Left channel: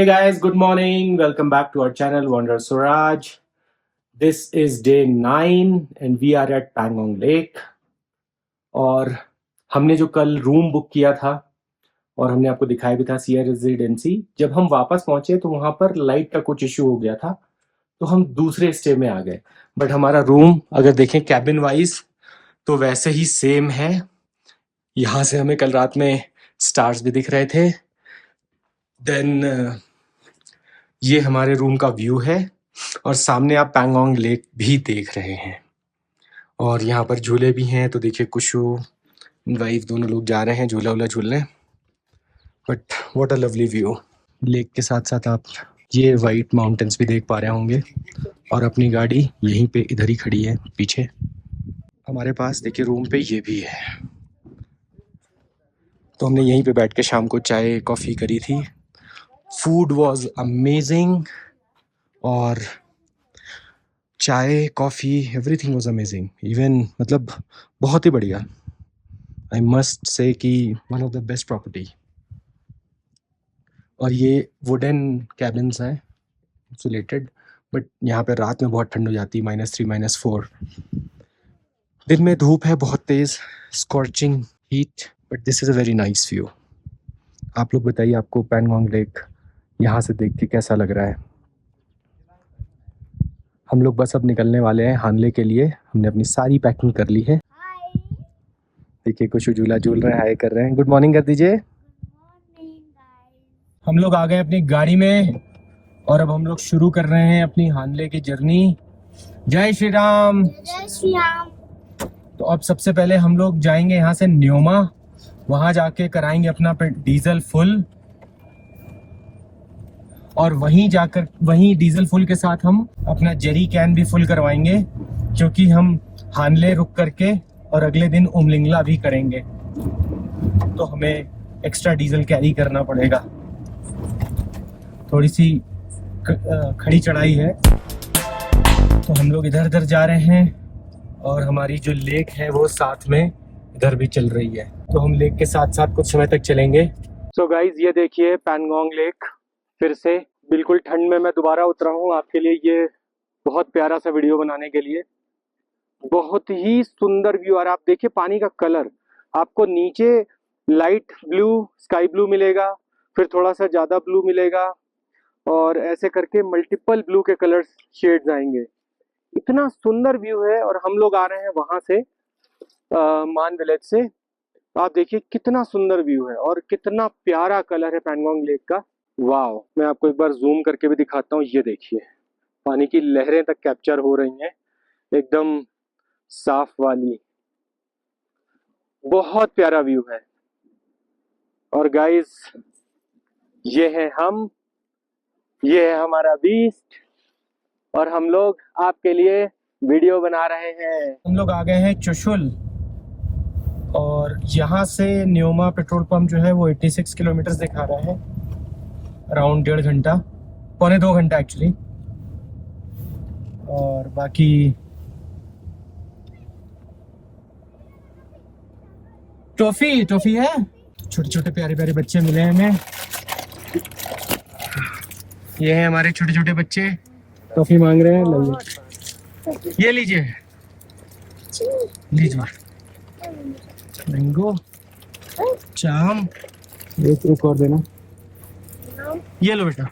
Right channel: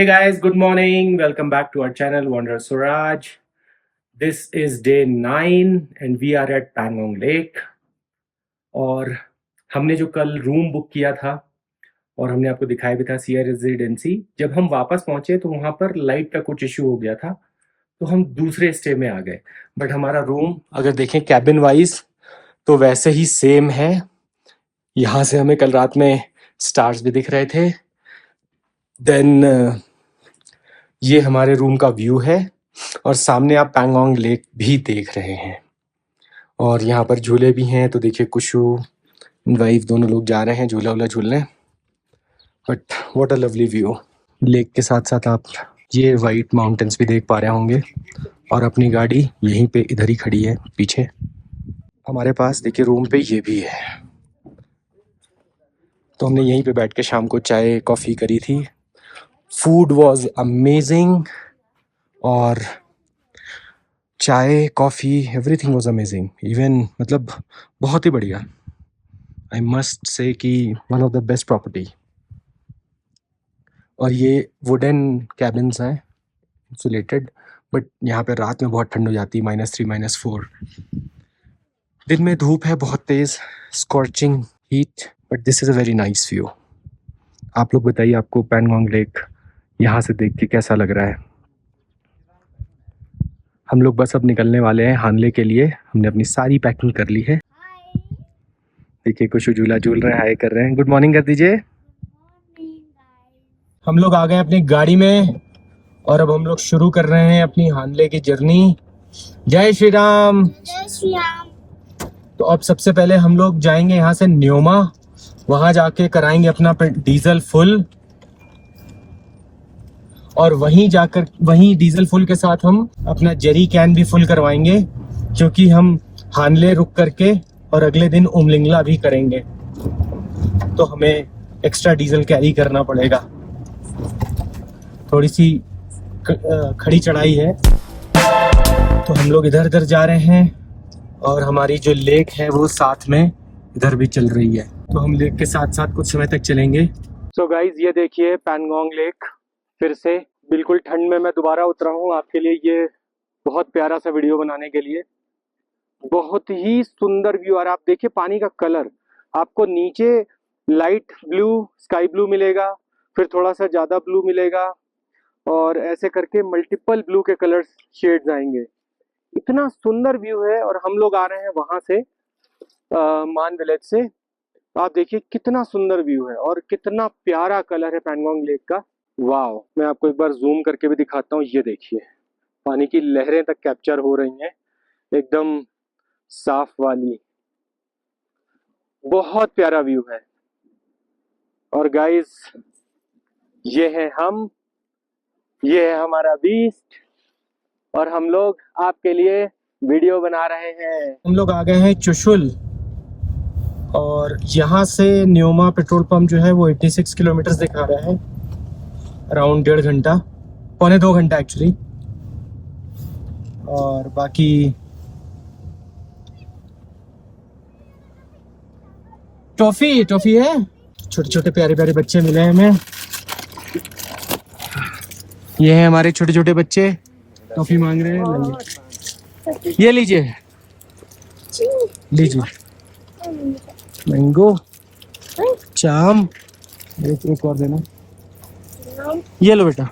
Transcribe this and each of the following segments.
Hey guys, good morning. Welcome back to our channel Wonder Suraj. This is day 9 and we are at Pangong Lake. और हमने जो कल room book किया था और हमने आपको दिखाया भी था सिया रेजिडेंसी, जब हम वापस पहुंचे तो वहां पर लाइट का कुछ इशू हो गया था, तो हम दूसरे स्टे में आ गए। बट हमारा रूम अगर देखें कैबिन वाइज तो वैसे ही सेम है। यहाँ से हमें कल रात में स्टार्स भी दिख रहे थे। देन ये हमारे रूम का व्यू है और सामने आप पैंगोंग लेक भी देख रहे हैं और यहाँ पर झूले भी हैं। तो देखिए कुशु वाइफ दोनों लोग जा रहे हैं झूला वूला झूलने। But what a lovely view. Lake के साथ साथ आप ये वाइट माउंटेन्स भी देख पा रहे होंगे और अपनी गाड़ी यहीं पे इधर ही खड़ी है पीछे। हमारे पास देखिए रूम पे ये भी है, तो हमने यहीं पे बैठ के शाम को चाय कॉफ़ी करी थी। फूड वॉज अमेजिंग और चाय coffee everything was amazing. Even मतलब बहुत ही बढ़िया। आई मस्ट से कि one of the best property. और ये वुडन कैबिन्स हैं इंसुलेटेड, बट यहाँ पे रात में बहुत ठंड हो जाती है, -3 -4। दिन में धूप है बहुत तेज़, scorching heat, but this is a very nice view. आप लोग बताइए आपको पैंगोंग लेक यहाँ से देख के कैसा लग रहा है। हम लोग बस अब निकलने वाले हैं हानले के लिए। हमने अपनी सारी पैकिंग कर ली है। देखिए कुछ झूला झूल रहे हैं, हाय कर रहे हैं। गुड मॉर्निंग कर दीजिए। हम लोग आ गए अपनी गाड़ी में और अब हम लोग शुरू कर रहे हैं अपनी हानले की जर्नी। जय श्री राम। जय श्री राम। तो अब सबसे पहले हम लोग जाएंगे यहाँ से न्योमा, वहां जाके कराएंगे अपना डीजल फुल और वहीं डीजल फुल के साथ हम अपना जेरी कैन भी फुल करवाएंगे, क्योंकि हम हानले रुक करके और अगले दिन उमलिंगला भी करेंगे, तो हमें एक्स्ट्रा डीजल कैरी करना पड़ेगा। थोड़ी सी खड़ी चढ़ाई है तो हम लोग इधर उधर जा रहे हैं और हमारी जो लेक है वो साथ में इधर भी चल रही है, तो हम लेक के साथ साथ कुछ समय तक चलेंगे। सो गाइज ये देखिए पैंगोंग लेक फिर से बिल्कुल ठंड में मैं दोबारा उतरा हूँ आपके लिए ये बहुत प्यारा सा वीडियो बनाने के लिए। बहुत ही सुंदर व्यू। और आप देखिए पानी का कलर, आपको नीचे लाइट ब्लू स्काई ब्लू मिलेगा, फिर थोड़ा सा ज़्यादा ब्लू मिलेगा और ऐसे करके मल्टीपल ब्लू के कलर शेड्स आएंगे। इतना सुंदर व्यू है। और हम लोग आ रहे हैं वहाँ से मान विलेज से। आप देखिए कितना सुंदर व्यू है और कितना प्यारा कलर है पैंगोंग लेक का। वाह, मैं आपको एक बार जूम करके भी दिखाता हूँ। ये देखिए पानी की लहरें तक कैप्चर हो रही हैं, एकदम साफ वाली। बहुत प्यारा व्यू है। और गाइस ये है हम, ये है हमारा बीस्ट और हम लोग आपके लिए वीडियो बना रहे हैं। हम लोग आ गए हैं चुशुल और यहाँ से न्योमा पेट्रोल पंप जो है वो 86 किलोमीटर दिखा रहा है, अराउंड 1.5 घंटा, पौने 2 घंटा एक्चुअली। और बाकी टॉफी है, छोटे छोटे प्यारे प्यारे बच्चे मिले हैं हमें। ये हैं हमारे छोटे छोटे बच्चे, टॉफी मांग रहे हैं। लाइए, ये लीजिए मैंगो चाम, एक और देना। ये लो बेटा,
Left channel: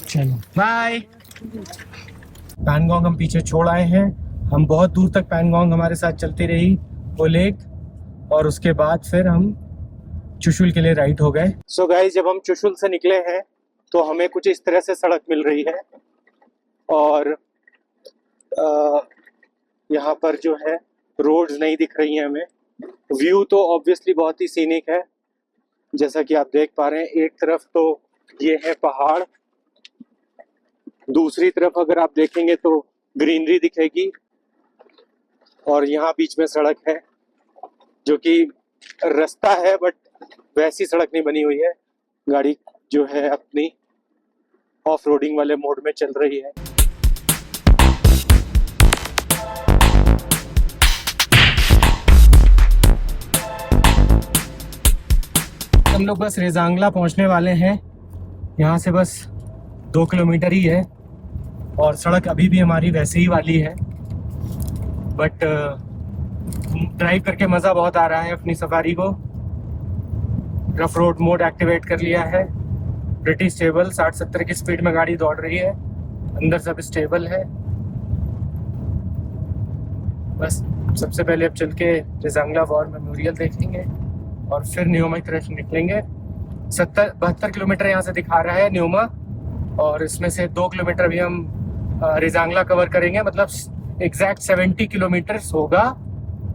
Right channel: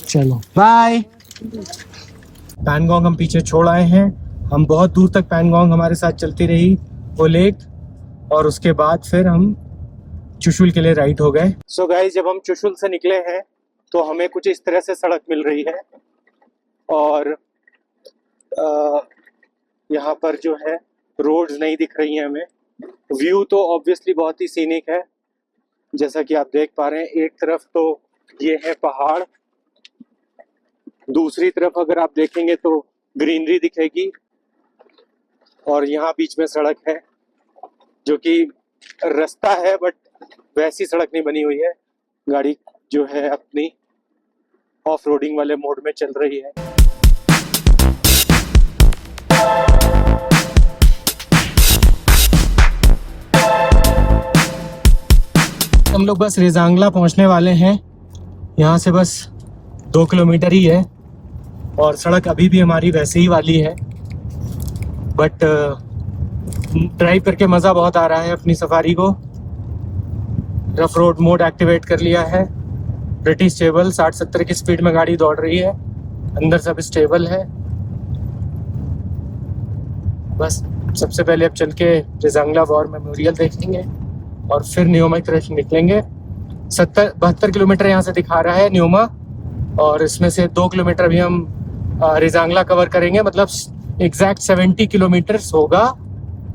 चलो बाय। पैंगोंग हम पीछे छोड़ आए हैं। हम बहुत दूर तक पैंगोंग हमारे साथ चलती रही वो लेक, और उसके बाद फिर हम चुशुल के लिए राइट हो गए। सो गाइस जब हम चुशुल से निकले हैं तो हमें कुछ इस तरह से सड़क मिल रही है और यहाँ पर जो है रोड्स नहीं दिख रही हैं हमें। व्यू तो ऑब्वियसली बहुत ही सीनिक है, जैसा कि आप देख पा रहे हैं। एक तरफ तो ये है पहाड़, दूसरी तरफ अगर आप देखेंगे तो ग्रीनरी दिखेगी और यहाँ बीच में सड़क है जो कि रास्ता है, बट वैसी सड़क नहीं बनी हुई है। गाड़ी जो है अपनी ऑफ रोडिंग वाले मोड में चल रही है। हम लोग बस रेजांगला पहुंचने वाले हैं यहाँ से बस 2 किलोमीटर ही है और सड़क अभी भी हमारी वैसे ही वाली है, बट ड्राइव करके मज़ा बहुत आ रहा है अपनी सफारी को। रफ रोड मोड एक्टिवेट कर लिया है, प्रिटी स्टेबल, 60-70 की स्पीड में गाड़ी दौड़ रही है, अंदर सब स्टेबल है। बस सबसे पहले अब चल के रेजांगला वॉर मेमोरियल देखेंगे और फिर न्योमा की तरफ निकलेंगे। 72 किलोमीटर यहाँ से दिखा रहा है न्योमा, और इसमें से 2 किलोमीटर भी हम रेजांगला कवर करेंगे, मतलब एग्जैक्ट 70 किलोमीटर होगा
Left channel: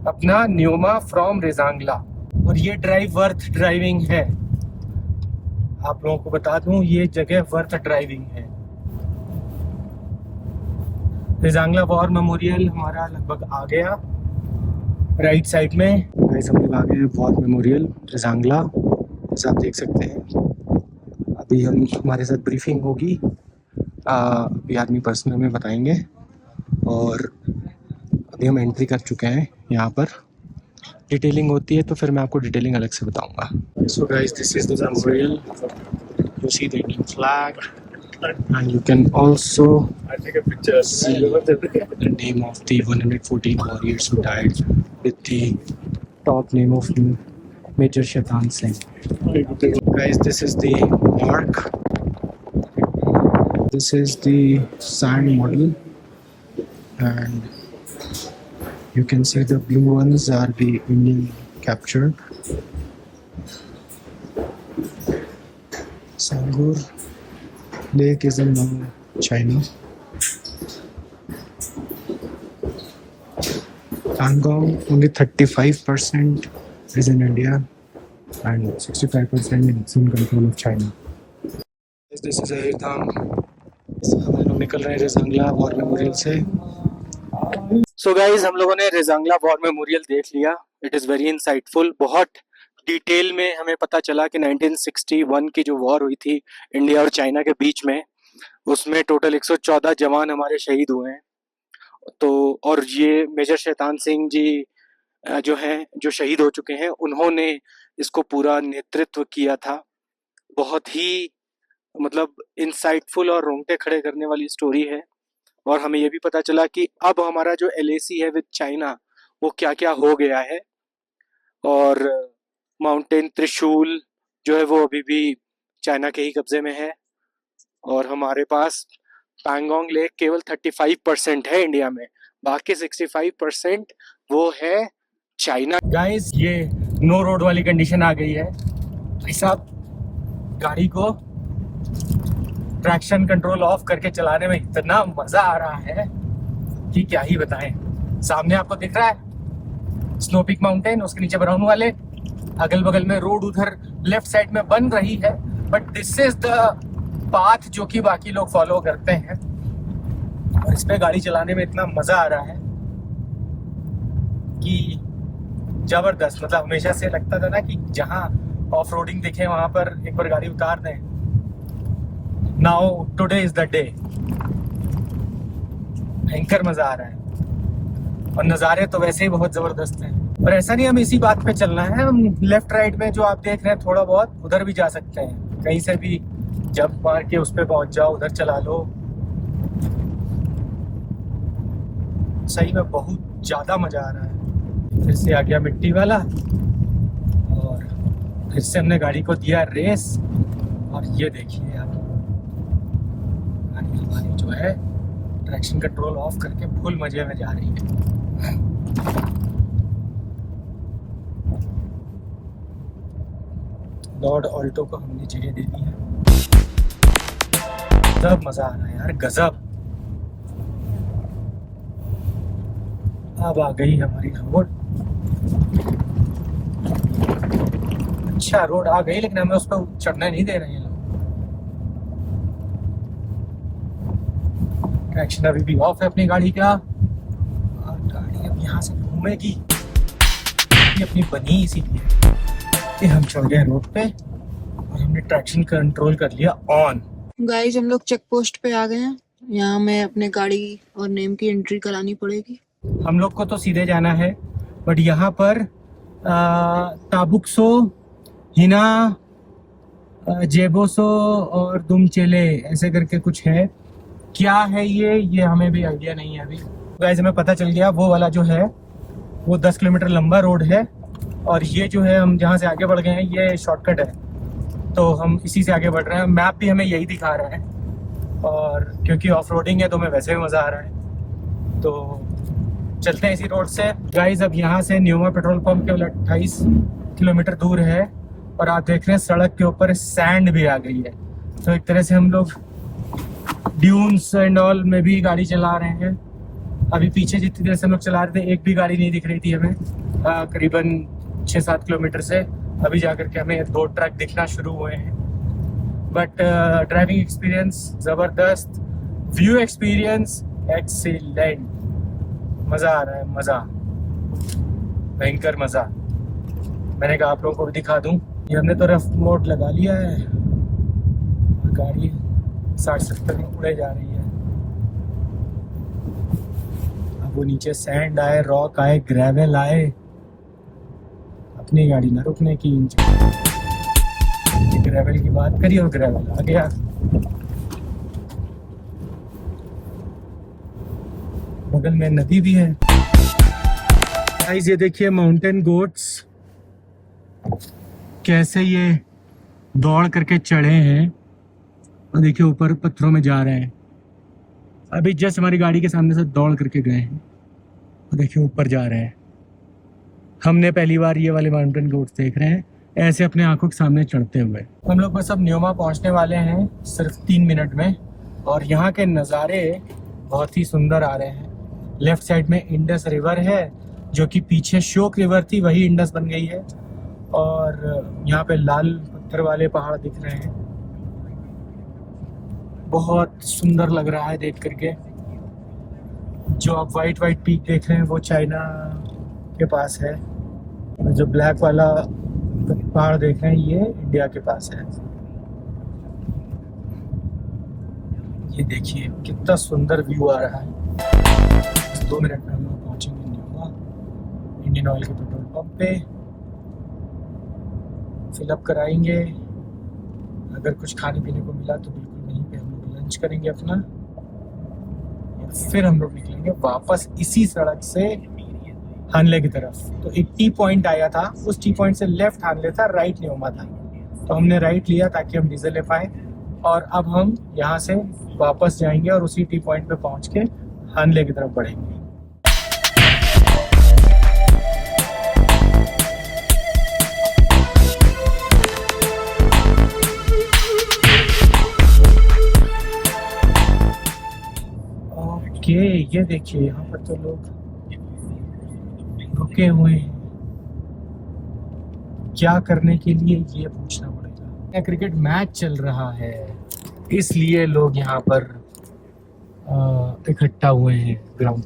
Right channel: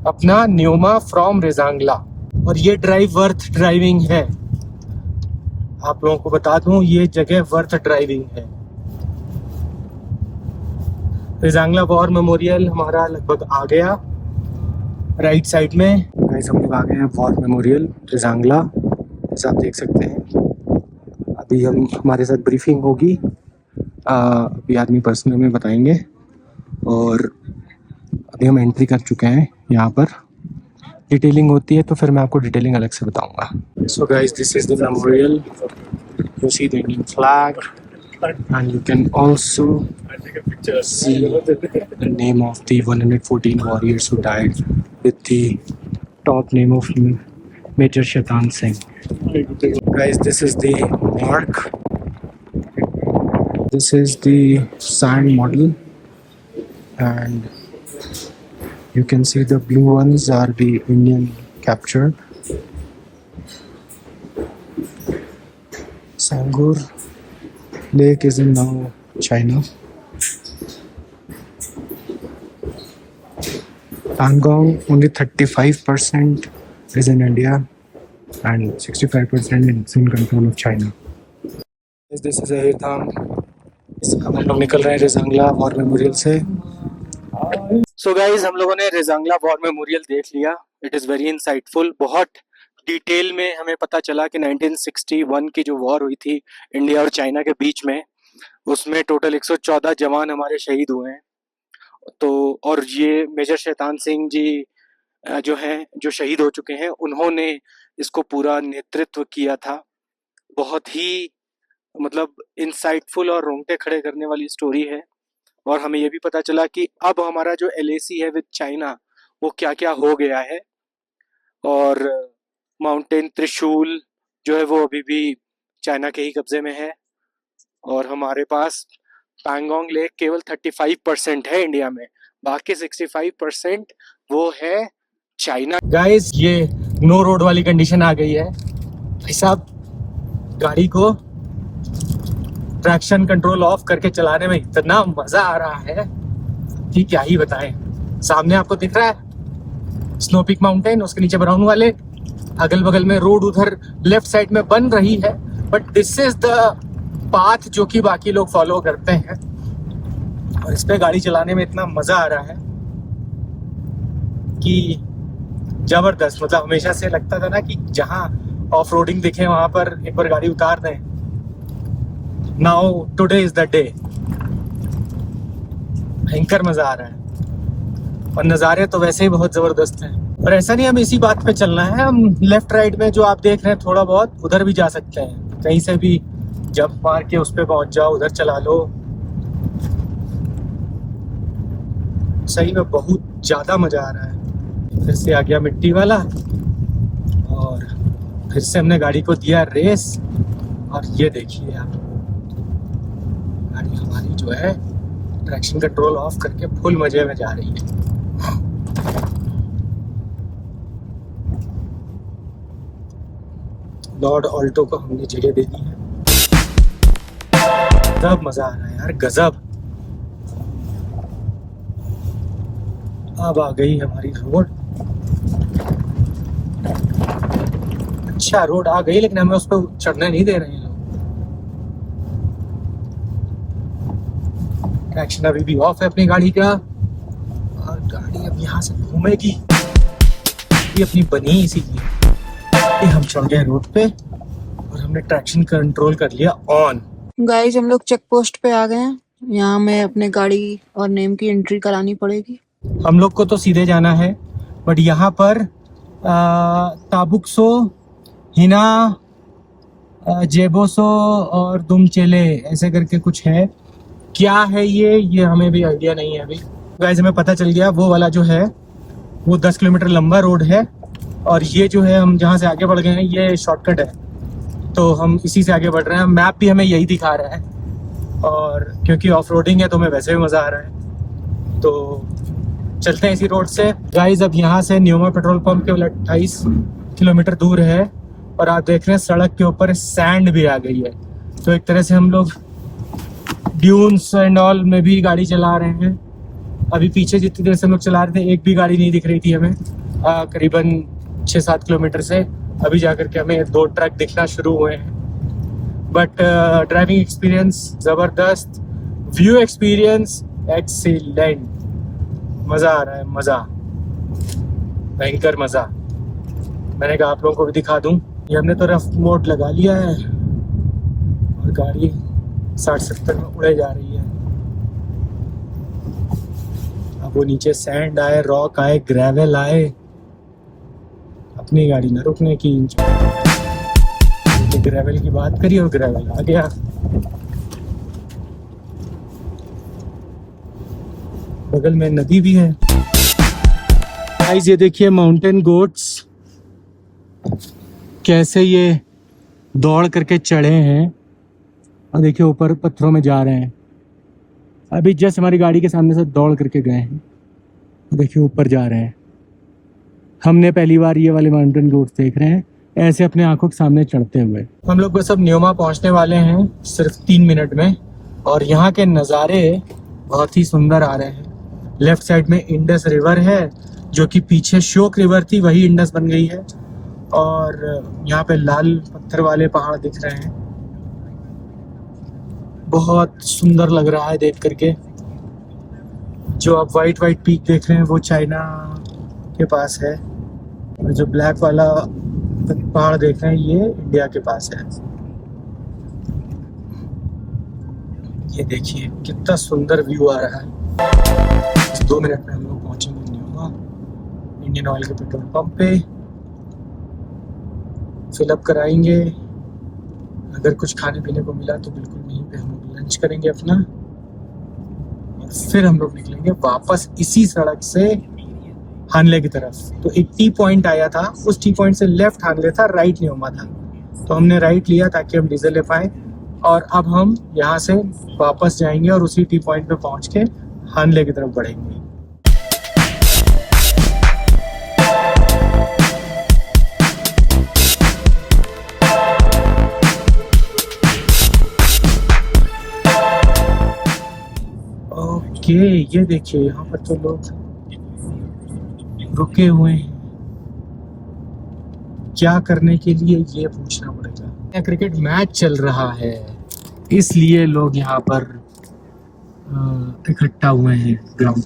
अपना न्योमा फ्रॉम रेजांगला। और ये ड्राइव वर्थ ड्राइविंग है, आप लोगों को बता दूं, ये जगह वर्थ ड्राइविंग है। रेजांगला वॉर मेमोरियल हमारा लगभग आ गया राइट साइड में। गाइस हम लोग आ गए हैं वॉर मेमोरियल रेजांगला, जैसा आप देख सकते हैं। अभी हमारे साथ ब्रीफिंग होगी, अभी आदमी पर्सनल में बताएंगे। और अभी हम एंट्री कर चुके हैं, यहाँ पर डिटेलिंग होती है तो फिर मैं आपको डिटेलिंग अलग से बताऊंगा। So guys this is the memorial, you see the Indian flag and you can also see the name of the 114 warriors who died with the top name of Major Shaitan Singh. Guys, this is the mark. This is the sand model, and you can see the blue ones are the Indian captured. Sangur Lake is in now China. Pangong only 35% is in India and 65% is in control of China. This is Airtham. हम लोग निकल रहे हैं Rezang La war memorial से। So guys हम लोगों ने Rezang La war memorial देख लिया। It is very insightful. बहुत डिटेल में हमें पता चला कि 1961 की जो वॉर हुई थी इंडिया और चाइना के बीच में, उसमें टोटल 114 जवान हमारे शहीद हुए हैं। तो और ये मेजर शैतान सिंह जी जो हैं, जो शहीद हो चुके हैं, उन्होंने इसको पूरा नेतृत्व किया था। बहुत ही मतलब इंसाइटफुल और रोंगटे खड़े करने वाली स्टोरी है। और हमें ये भी पता चला कि अब हमारा जो LAC है विद चाइना, वो क्या क्या हो गया है। और माउंटेन त्रिशूल जो है वो अभी भी चाइना के ही कब्जे में है। और हमारे पास पैंगोंग लेक केवल 35% है इंडिया में, बाकी 65% वो है चाइना। गाइस ये नो रोड वाली कंडीशन आ गई है। भाई साहब गाड़ी को ट्रैक्शन कंट्रोल ऑफ करके चलाने में इतना मजा आ रहा है कि क्या ही बताएं। सामने आपको दिख रहा है स्नो पीक माउंटेन, उसके नीचे ब्राउन वाले, अगल बगल में रोड उधर लेफ्ट साइड में बन रही है, but this is the path जो कि बाकी लोग फॉलो करते हैं। और इस पे गाड़ी चलाने में इतना मजा आ रहा है कि जबरदस्त। मतलब हमेशा से लगता था ना कि जहाँ ऑफ रोडिंग दिखे वहां पर एक बार गाड़ी उतार दें। Now today is the day. भयंकर मजा आ रहा है और नज़ारे तो वैसे ही बहुत ज़बरदस्त हैं। और ऐसा नहीं हम इसी बात पे चलना है, हम लेफ्ट राइट में जो आप देख रहे हैं थोड़ा बहुत उधर भी जा सकते हैं। कहीं से भी जंप मार के उस पे पहुंच जाओ, उधर चला लो। सही में बहुत ज़्यादा मज़ा आ रहा है। फिर से आ गया मिट्टी वाला और फिर से हमने गाड़ी को दिया रेस। और ये देखिए आप, गाड़ी हमारी जो है ट्रैक्शन कंट्रोल ऑफ करके फुल मजे में जा रही है। लॉर्ड ऑल्टो को हमने जगह दे दी है। गजब मजा आ रहा है यार, गजब। अब आ गई हमारी रोड। अच्छा रोड आ गई, लेकिन हमें उस पर चढ़ने नहीं दे रहे हैं लोग। ट्रैक्शन अभी भी ऑफ है अपनी गाड़ी का, और गाड़ी अब यहाँ से घूमेगी। ये अपनी बनी इसीलिए कि हम चढ़ गए रोड पे और हमने ट्रैक्शन कंट्रोल कर लिया ऑन। गाइस हम लोग चेक पोस्ट पे आ गए हैं। यहाँ में अपने गाड़ी और नेम की एंट्री करानी पड़ेगी। हम लोग को तो सीधे जाना है, बट यहाँ पर ताबुक्सो हिना जेबोसो और दुमचेले ऐसे करके कुछ है। क्या है ये हमें भी आइडिया नहीं है अभी। गाइस हमें पता चल गया वो वाला जो है वो 10 किलोमीटर लंबा रोड है और ये जो है हम जहाँ से आगे बढ़ गए हैं ये शॉर्टकट है, तो हम इसी से आगे बढ़ रहे हैं। मैप भी हमें यही दिखा रहा है और क्योंकि ऑफ रोडिंग है तो हमें वैसे भी मज़ा आ रहा है, तो चलते हैं इसी रोड से। गाइस अब यहाँ से न्यूमा पेट्रोल पंप केवल 28 किलोमीटर दूर है और आप देख रहे हैं सड़क के ऊपर सैंड भी आ गई है, तो एक तरह से हम लोग ड्यून्स एंड ऑल में भी गाड़ी चला रहे हैं। अभी पीछे जितनी देर से हम लोग चला रहे थे एक भी गाड़ी नहीं दिख रही थी हमें, करीबन 6-7 किलोमीटर से अभी जाकर के हमें 2 ट्रक दिखना शुरू हुए हैं। बट ड्राइविंग एक्सपीरियंस ज़बरदस्त, व्यू एक्सपीरियंस एक्सीलेंट, मज़ा आ रहा है, मज़ा, भयंकर मज़ा। मैंने कहा आप लोगों को भी दिखा दूं। ये हमने तो रफ मोड लगा लिया है और गाड़ी 60-70 में उड़े जा रही है। अब वो नीचे सैंड आए, रॉक आए, ग्रेवल आए, अपनी गाड़ी ना रुकने की। ग्रेवल की बात करी और ग्रेवल आ गया। बगल में नदी भी है। गाइस ये देखिए माउंटेन गोट्स कैसे ये दौड़ करके चढ़े हैं और देखिए ऊपर पत्थरों में जा रहे हैं। अभी जस्ट हमारी गाड़ी के सामने से दौड़ करके गए हैं और देखिए ऊपर जा रहे हैं। हमने पहली बार ये वाले माउंटेन गोट्स देख रहे हैं ऐसे अपने आंखों के सामने चढ़ते हुए। हम लोग बस अब न्यूमा पहुंचने वाले हैं सिर्फ 3 मिनट में और यहाँ के नज़ारे बहुत ही सुंदर आ रहे हैं। लेफ्ट साइड में इंडस रिवर है जो कि पीछे शोक रिवर थी, वही इंडस बन गई है। और यहाँ पे लाल पत्थर वाले पहाड़ दिख रहे हैं, बहुत सुंदर लग रहा है देख करके। जो आप वाइट पीक देख रहे हैं वो चाइना के पास है और जो ब्लैक वाला पहाड़ देख रहे हैं ये इंडिया के पास है। ये देखिए कितना सुंदर व्यू आ रहा है। 2 मिनट में हम लोग पहुंचेंगे न्यूमा इंडियन ऑयल के पेट्रोल पंप पे, फिलअप कराएंगे। अगर कुछ खाने पीने को मिला तो बिल्कुल नहीं, पे हम लोग लंच करेंगे अपना और फिर हम लोग निकलेंगे वापस इसी सड़क से हानले की तरफ। तो एक टी पॉइंट आया था, उस टी पॉइंट से लेफ्ट हानले था, राइट न्यूमा था, तो हमने राइट लिया ताकि हम डीजल ले पाए। और अब हम यहाँ से वापस जाएंगे और उसी टी पॉइंट पे पहुँच के हानले की तरफ बढ़ेंगे। ओके ये देखिए यहाँ पर तो लोग रुके हुए हैं, क्या करने के लिए ये पूछना पड़ेगा। क्रिकेट मैच चल रहा है इसलिए लोग यहाँ पर इकट्ठा हुए हैं ग्राउंड।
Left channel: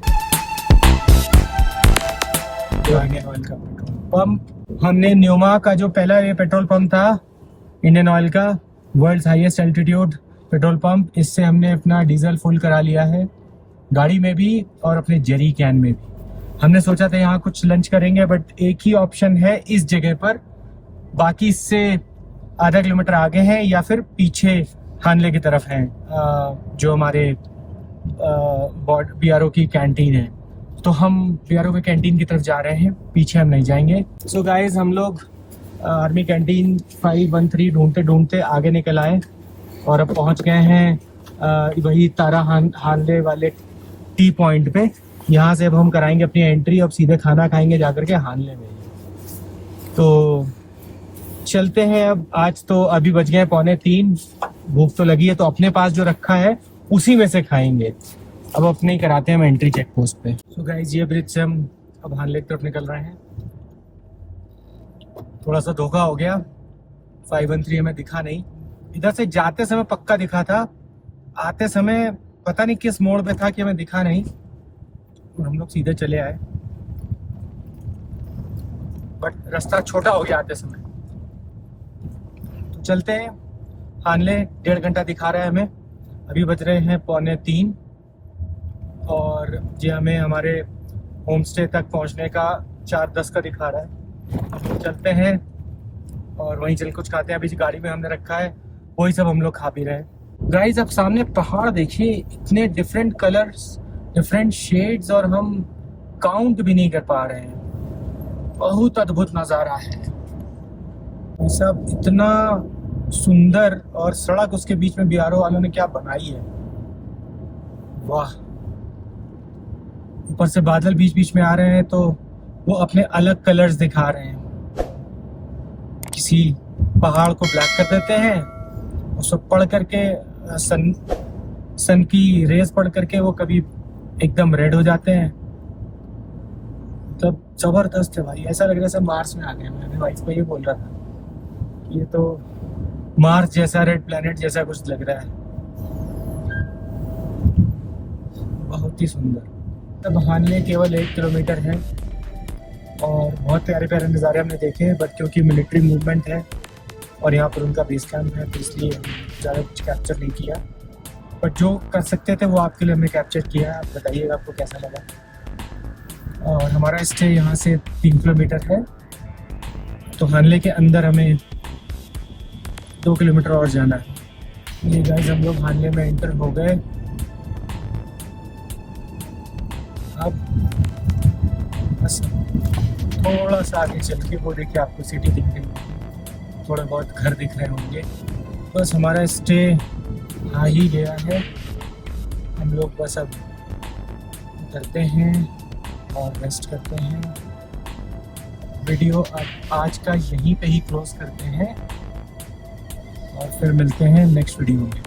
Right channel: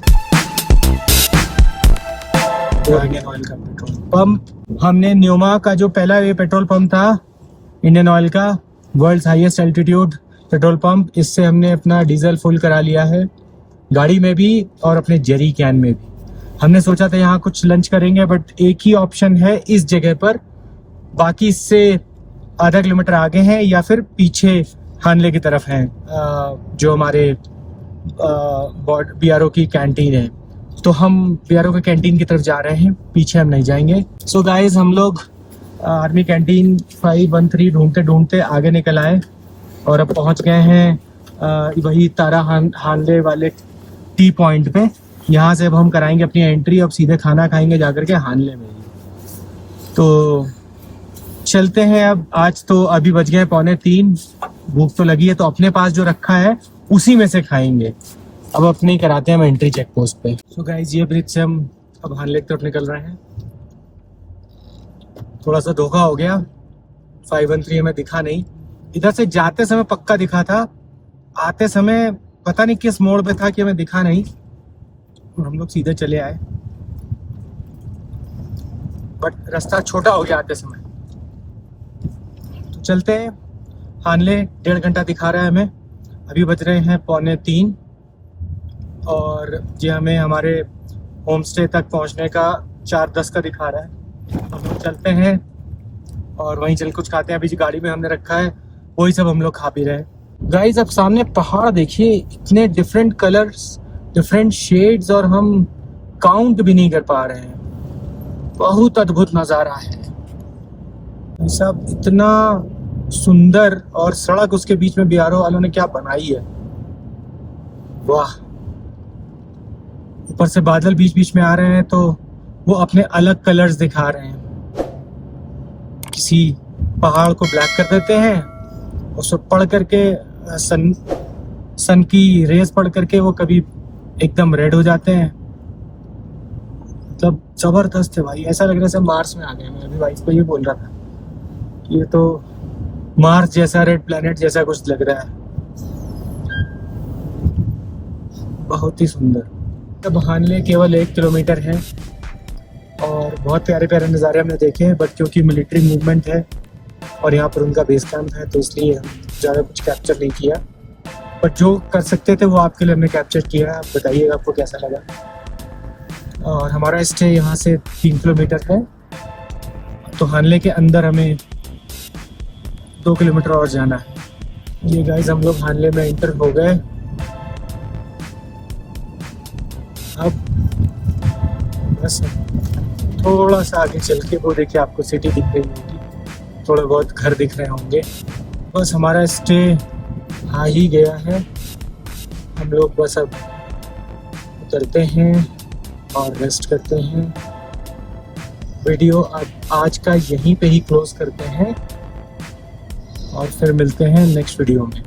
इंडियन ऑयल का पेट्रोल पंप, हमने न्यूमा का जो पहला ये पेट्रोल पंप था इंडियन ऑयल का, world's highest altitude petrol pump, इससे हमने अपना डीजल फुल करा लिया है गाड़ी में भी और अपने जेरी कैन में भी। हमने सोचा था यहाँ कुछ लंच करेंगे बट एक ही ऑप्शन है इस जगह पर, बाकी इससे आधा किलोमीटर आगे हैं या फिर पीछे हानले की तरफ हैं जो हमारे BRO की कैंटीन है। तो हम BRO के कैंटीन की तरफ जा रहे हैं, पीछे हम नहीं जाएंगे। सो गाइस हम लोग आर्मी कैंटीन 513 ढूंढते ढूंढते आगे निकल आए और अब पहुंच गए हैं वही तारा हानले वाले टी पॉइंट पे। यहाँ से अब हम कराएंगे अपनी एंट्री, अब सीधे खाना खाएंगे जाकर के हानले में। तो चलते हैं अब। आज तो अभी बज गए 2:45, भूख तो लगी है तो अपने पास जो रखा है उसी में से खाएंगे। अब अपने ही कराते हैं हम एंट्री चेक पोस्ट पे। सो गाइस ये ब्रिज से हम अब हानले की तरफ निकल रहे हैं। थोड़ा सा धोखा हो गया, 513 हमें दिखा नहीं। इधर से जाते समय पक्का दिखा था, आते समय पता नहीं किस मोड़ पे था कि हमें दिखा नहीं, और हम लोग सीधे चले आए। बट रास्ता छोटा हो गया आते समय। तो चलते हैं हानले, 1.5 घंटा दिखा रहा है हमें, अभी बज रहे हैं 2:45 और ये हमें हमारे होम स्टे तक पहुंचने का 4:10 का दिखा रहा है। हम लोग चलते हैं और वहीं चल कुछ खाते हैं। अभी जो गाड़ी में हमने रखा है वही सब हम लोग खा पी रहे हैं। गाइस अब सामने पहाड़ देखिए, इतने डिफरेंट कलर्स, डिफरेंट शेड्स, और हम काउंट भी नहीं कर पा रहे हैं। बहुत अद्भुत नज़ारा है ये सब, इतना सुंदर। और सड़क उसके बीच में बिहारों वालों ने क्या बनाई है, वाह। ऊपर से बादल बीच बीच में आ रहे हैं तो वो अपने अलग कलर्स दिखा रहे हैं। किसी पहाड़ को ब्लैक कर देते हैं, उसको पढ़ करके सन की रेस पढ़ करके वो कभी एकदम रेड हो जाते हैं। मतलब जबरदस्त है भाई, ऐसा लग रहा है जैसे मार्स में आ गए। मैं अभी वाइफ को ये बोल रहा था कि ये तो मार्स जैसा, रेड प्लेनेट जैसा कुछ लग रहा है। बहुत ही सुंदर। अब हानले केवल 1 किलोमीटर है और बहुत प्यारे प्यारे नज़ारे हमने देखे हैं, बट क्योंकि मिलिट्री मूवमेंट है और यहाँ पर उनका बेस कैंप है तो इसलिए ज़्यादा कुछ कैप्चर नहीं किया। बट जो कर सकते थे वो आपके लिए हमने कैप्चर किया है। आप बताइएगा आपको कैसा लगा। और हमारा स्टे यहाँ से 3 किलोमीटर है, तो हानले के अंदर हमें 2 किलोमीटर और जाना है। ये गाइस हम लोग हानले में एंटर हो गए। अब बस थोड़ा सा आगे चल के वो देखिए आपको सिटी दिख रही होगी, थोड़े बहुत घर दिख रहे होंगे। बस हमारा स्टे आ ही गया है। हम लोग बस अब उतरते हैं और रेस्ट करते हैं। वीडियो अब आज का यहीं पे ही क्लोज करते हैं और फिर मिलते हैं नेक्स्ट वीडियो में।